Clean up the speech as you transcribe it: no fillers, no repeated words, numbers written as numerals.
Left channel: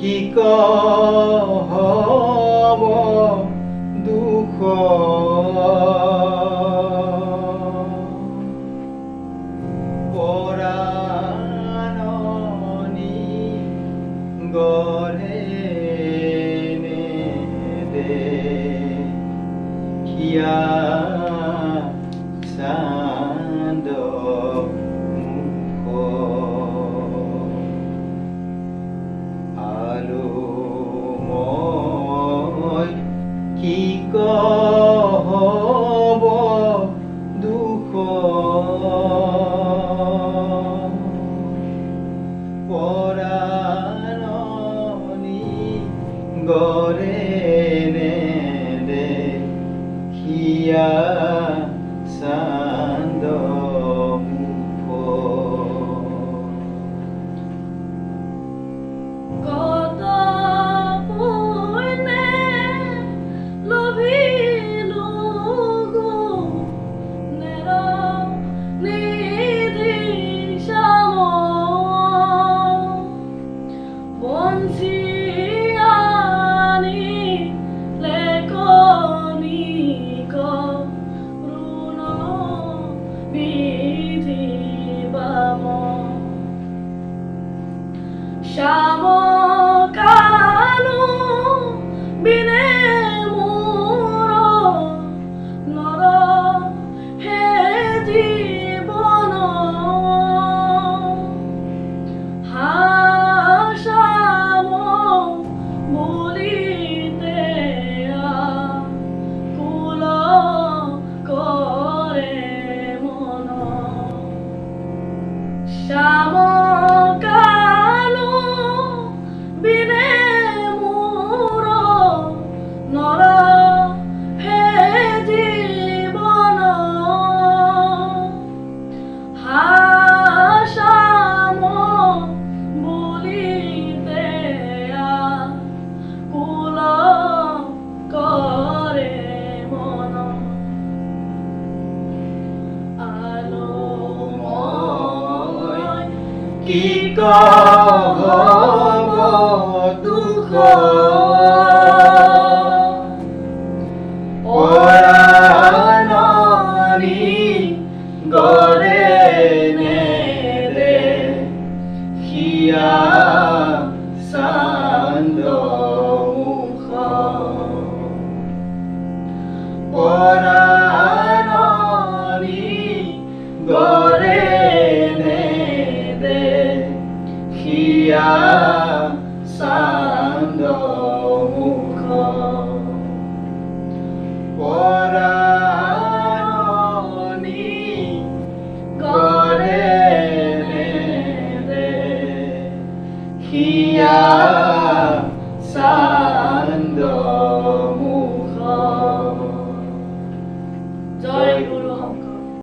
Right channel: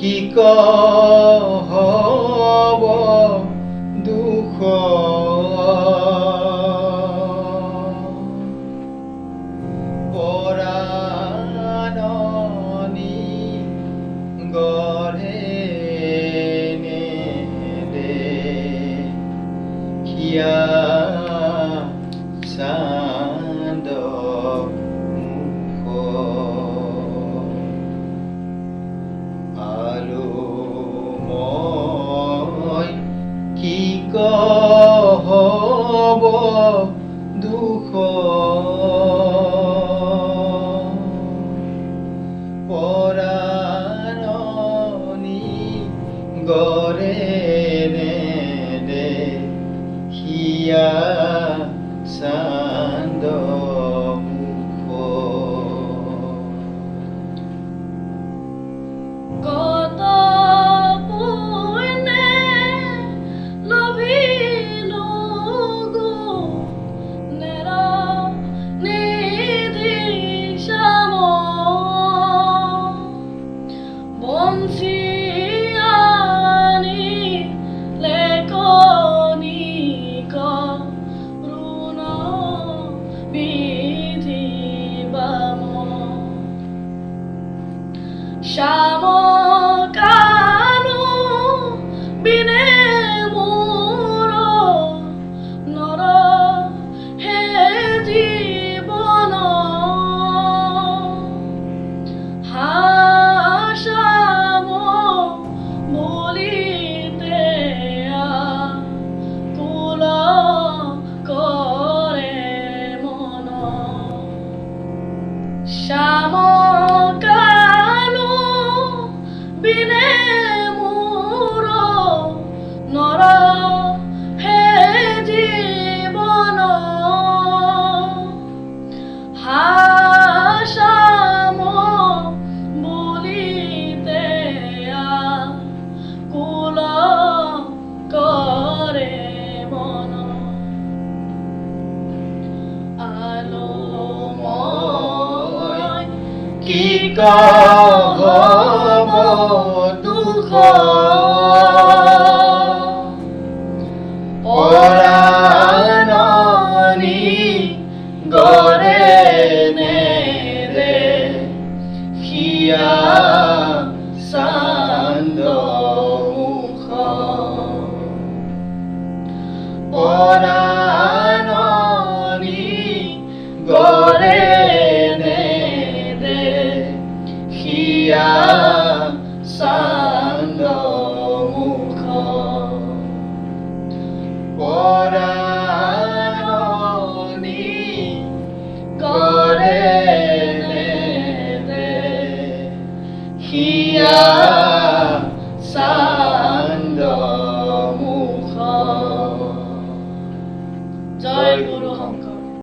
কি কহব দুখ পৰাণনি গঢ়ে দেখিয়া চান্দ কি কহব দুখ পৰাণনি গঢ়ে দেখিয়া চান্দ শ্যামকানু বিনে মোর নর হে জীবন হাসাম বলিতে কুল করে মন শ্যাম বিনে মোর নর হে জীবন হাসাম বলিতে কুল করে মন আলোময় কি কহব দুখ